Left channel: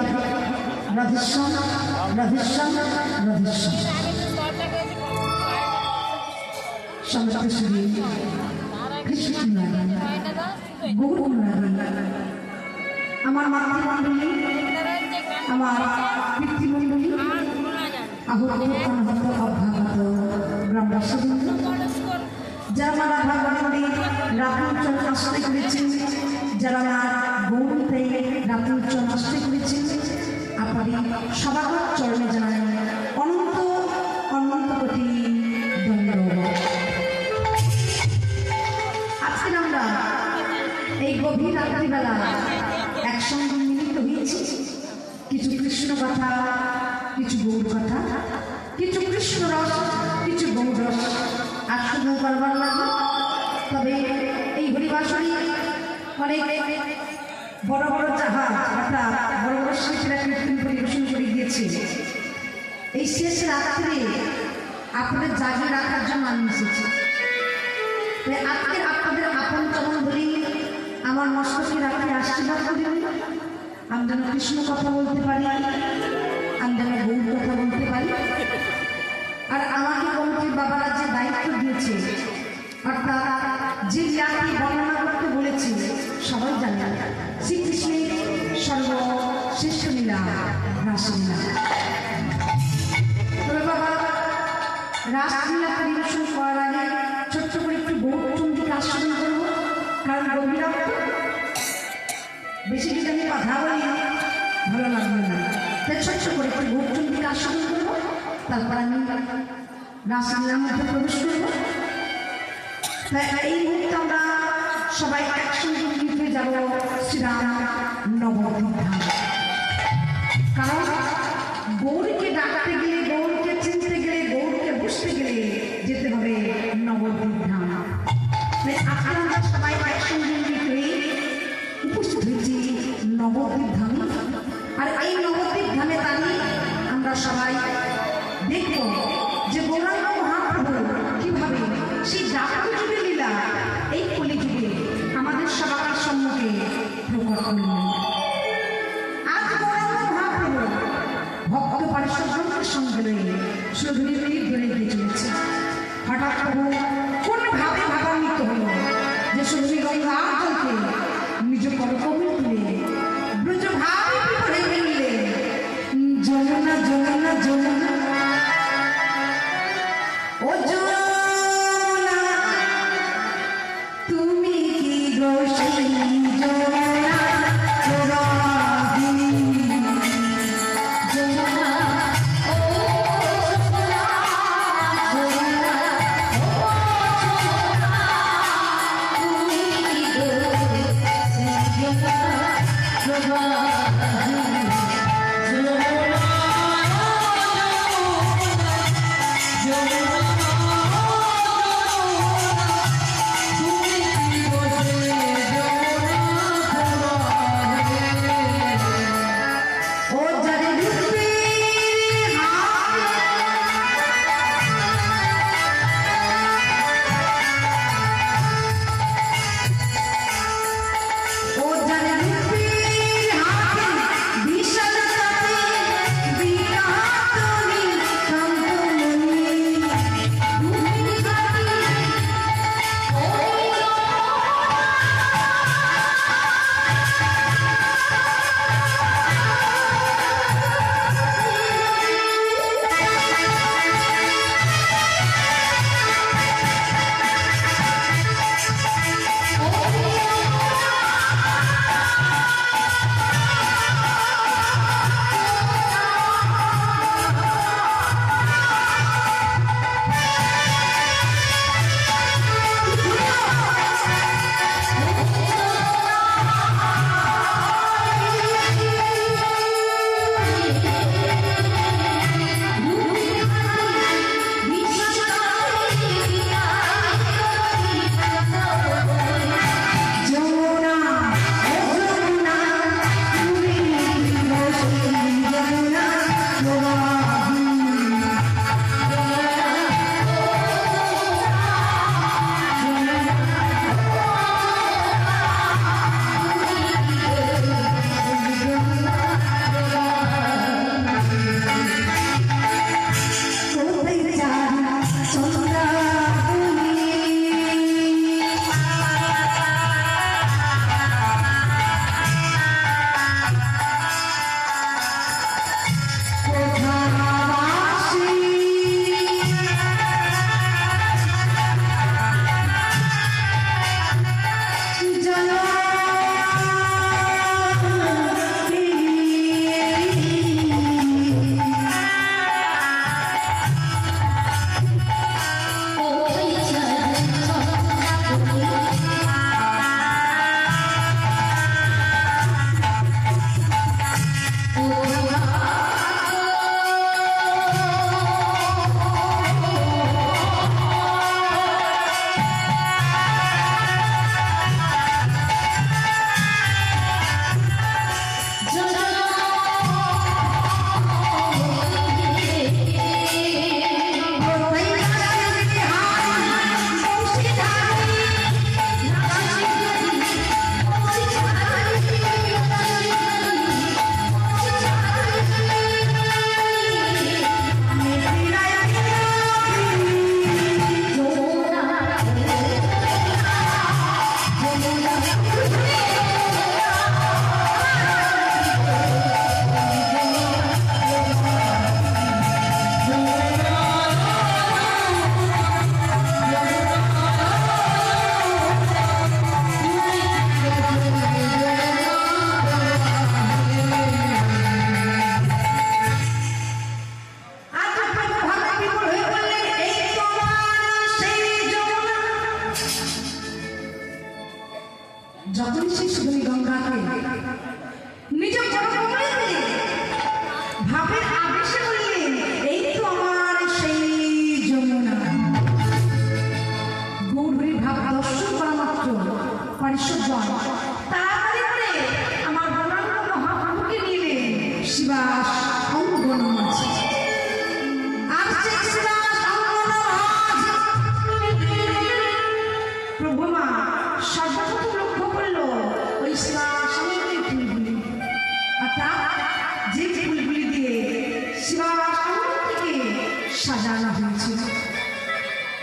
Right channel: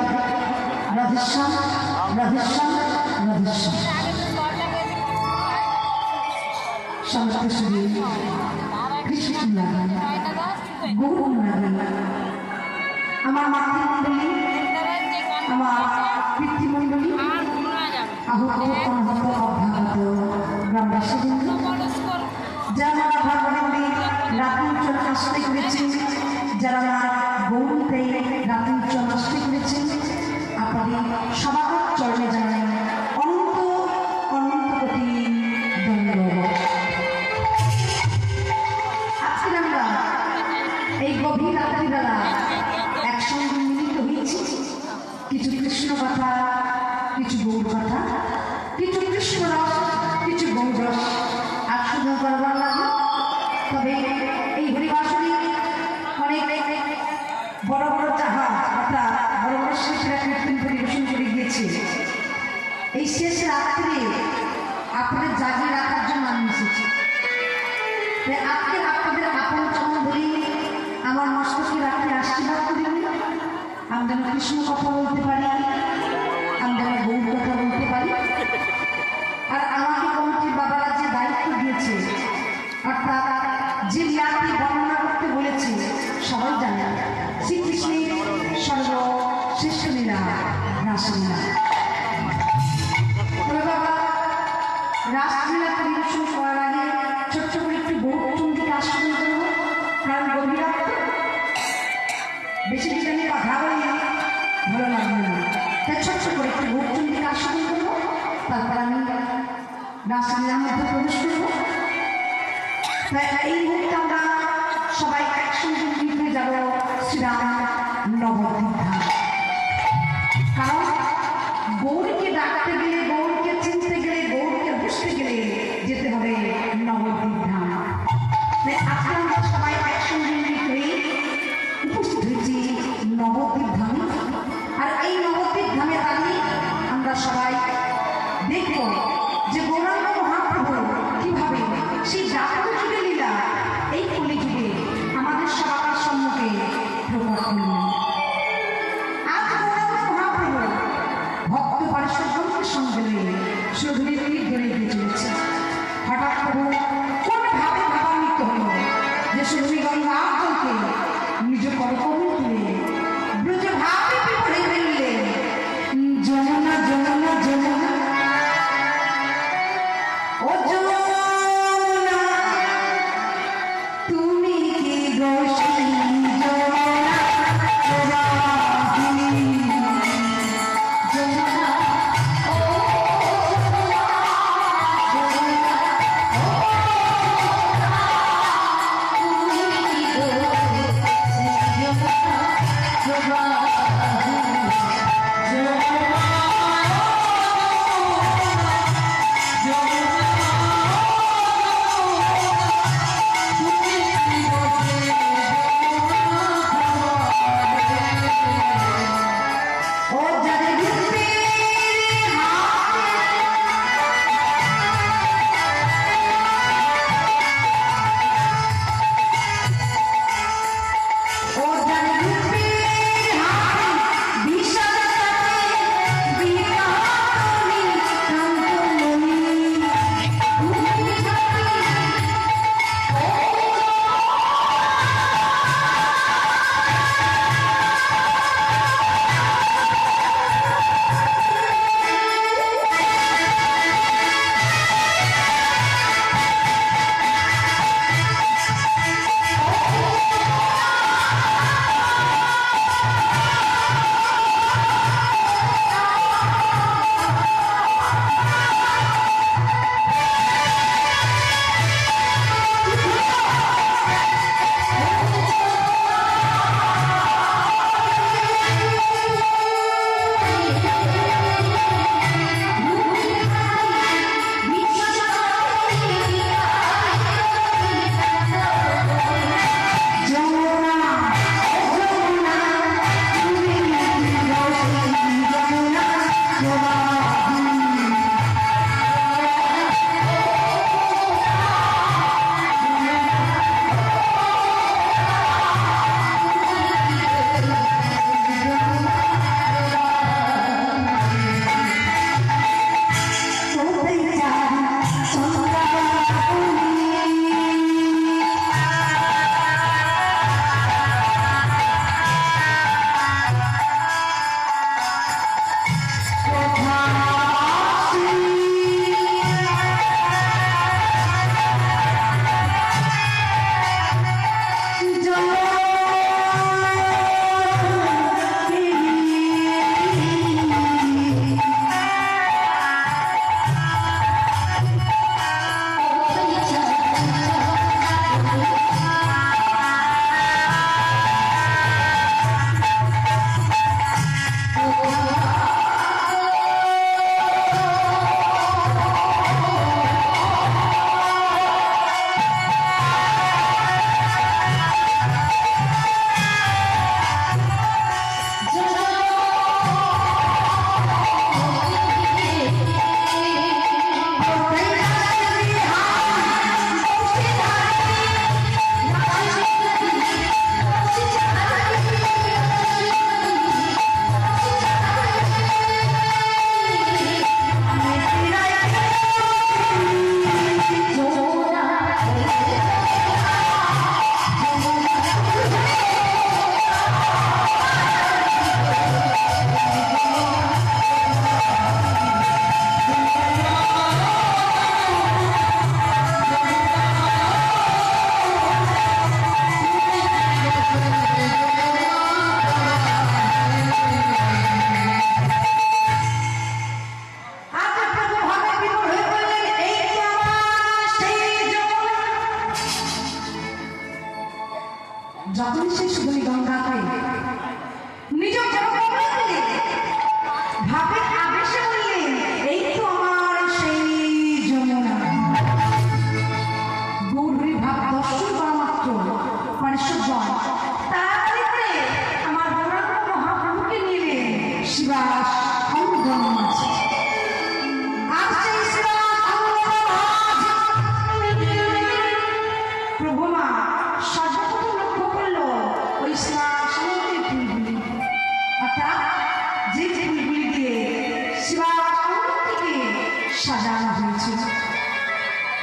হবে রাধেশ্যাম রাধেশ্যাম রাধেশ্যাম। সমস্ত শরীর কৃষ্ণ লাগান গৌর লাগান। আমার মাতৃমণ্ডলী, আমার পিতৃমণ্ডলী, আহত অনাহত অভ্যাগত গ্রামবাসীবৃন্দ, যারা রাধা গোবিন্দে রাত্রিঞ্চল আশ্রয় করেছেন, যারা আমার গৌরীতে রাত্রিঞ্চল আশ্রয় করেছেন, আপনাদের সবার চরণে জানাই অনন্ত অনন্ত কোটি ধন্যবাদ। আজকে আমরা এই গভীর রাত্রিবেলা একসঙ্গে মিলিত হয়েছি, কিছু কৃষ্ণ কথা, কিছু গৌর কথা, কিছু কৃষ্ণ রস, কিছু গৌর রস আর শুধু করবার লাগলো। তবে এই হরিবাসনে অনেক বড় বড় জাহাজ অর্থাৎ বড় বড় শিল্পীরা কীর্তন পরিবেশন করে গিয়েছে। এই শেষ রাত্রে আপনাদের জাগিয়ে রাখার জন্য আমি এসেছি। আজকে আপনাদের আপন চরণ ধরি আমার মস্তকে রাখতে আশীর্বাদ করি, আমি যেন কৃষ্ণ কথা বলতে পারি, আমি যেন গৌর কথা বলতে পারি। আর আমাকে কমিটির বাবারা যে দায়িত্ব দিয়েছে, অর্থাৎ যে লীলাটি বর্ণনা করতে বলেছে, সবাই জানে শ্রীকৃষ্ণের সর্বশ্রেষ্ঠ লীলা রাসলীলা। তবে বাবা রাসলীলা পরিবেশন করার আগে ছোট্ট করে একটু গৌরচন্দ্রীকে আস্বাদন করবো, কারণ গভীরত্ব বেশি কিছু আমি কথা বলি ভালো লাগবে না, তাই ছোট্ট করে একটু গৌরচন্দ্রীকে আস্বাদন করবো, তারপর আমি রাসলীলার মধ্যে প্রবেশ করবো। এই মুহূর্তে আমরা সবাই একসঙ্গে মিলিত হয়ে যাব শ্রীরাম নবদ্বীপ ধাম। কারণ গৌরীকে ডাকতে গেলে, গৌরীকে চিনতে গেলে, গৌরীকে বুঝতে গেলে যেতে হবে নবদ্বীপ ধাম। আজকে আমরা সবাই একসঙ্গে মিলিত হয়ে উপস্থিত হয়েছি নবদ্বীপ ধামে। আর এই নবদ্বীপ ধামে দাঁড়িয়ে আমরা সবাই দেখব যে গৌরাঙ্গ মহাপ্রভু কিভাবে সেই জাগ্রত যুগের লীলা এই কলিযুগে আমাদের সবার সম্মুখে প্রকট করলেন। আজ গৌরাঙ্গ মহাপ্রভু ভক্ত পারিষদগণের সঙ্গে রয়ে সুধুরী ধরে এগিয়ে চলেছে। হঠাৎ প্রভু কোন ভাবে ভাবান্বিত হল যে সুধুরী গঙ্গা আঞ্চলকে নিজ করকমল তুলে ব্রজ ভাবে বিভোরে ফেললে, যমুনা যমুনা যমুনা ও যমুনা তুমি কি দোষী, যমুনা রাগিনী, যমুনা ও যমুনা যমুনা ও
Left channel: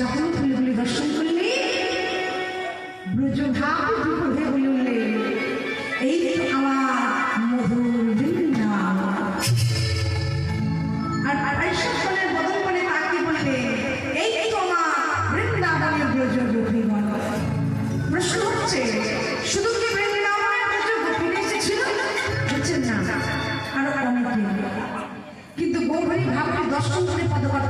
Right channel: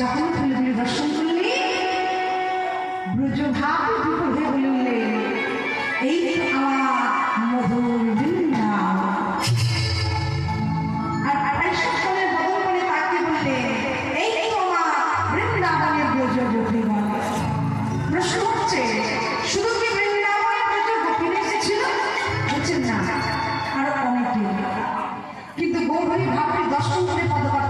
যখন ফুলগুলি দর্শন করলে ব্রজভাব বিপদে বলে উঠলে এই তো আমার মধুর বৃন্দাবন। আর আড়াইশো ফলের বদল করে তাকে বললে এই তো আমার বৃন্দাবনের ব্রজগোপী বল। প্রশ্ন হচ্ছে শুধু কি বৃন্দাবনের ব্রজগোপী এসেছিল? হচ্ছেন না, আরো অনেকে। কিন্তু গৌরী ভাবটি দর্শন করে পদকর্তা